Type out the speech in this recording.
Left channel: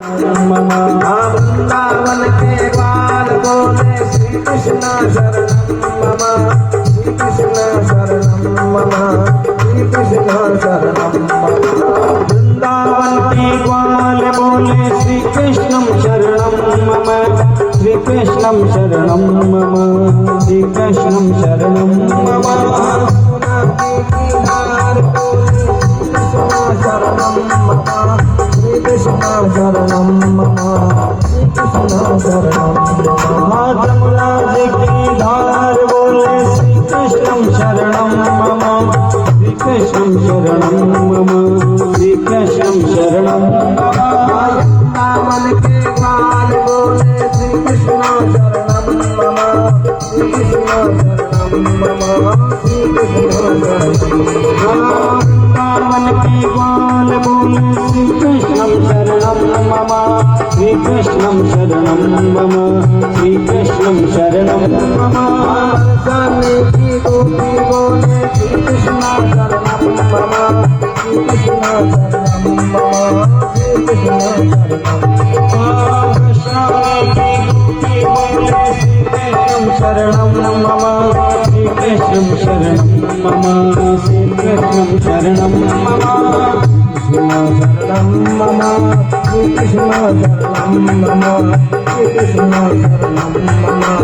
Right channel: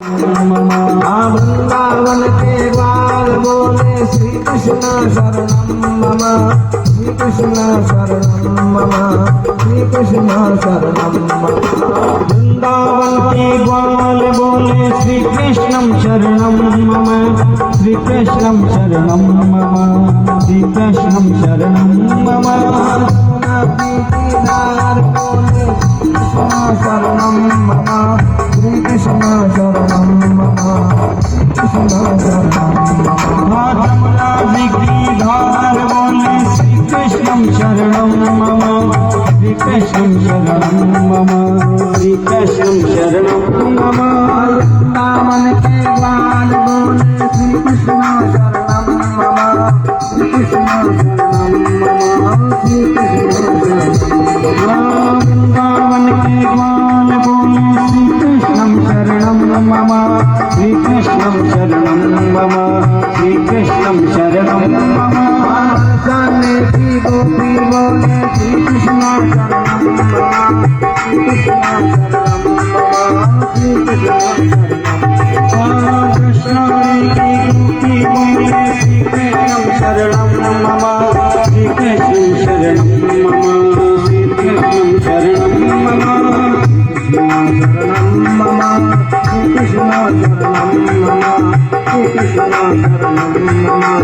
वृंदावन के बाल बोले श्री कृष्ण शरणम मम, श्री कृष्ण शरणम मम, श्री कृष्ण शरणम मम। वृंदावन के बाल बोले श्री कृष्ण शरणम मम, श्री कृष्ण शरणम मम, श्री कृष्ण शरणम मम। शरणम मम, श्री कृष्ण शरणम मम, श्री कृष्ण शरणम मम। जमुना जी की धार बोले श्री कृष्ण शरणम मम, श्री कृष्ण शरणम मम, श्री कृष्ण शरणम मम। वृंदावन के बाल बोले श्री कृष्ण शरणम मम, श्री कृष्ण शरणम मम, श्री कृष्ण शरणम मम। वृंदावन के बाल बोले श्री कृष्ण शरणम मम, श्री कृष्ण शरणम मम, श्री कृष्ण शरणम मम। सामने की गोपी बोले श्री कृष्ण शरणम मम, श्री कृष्ण शरणम मम, श्री कृष्ण शरणम। कृष्ण की गोपी बोले श्री कृष्ण शरणम मम, श्री कृष्ण शरणम मम, श्री कृष्ण शरणम मम। शरणम मम, श्री कृष्ण शरणम मम, श्री कृष्ण शरणम मम।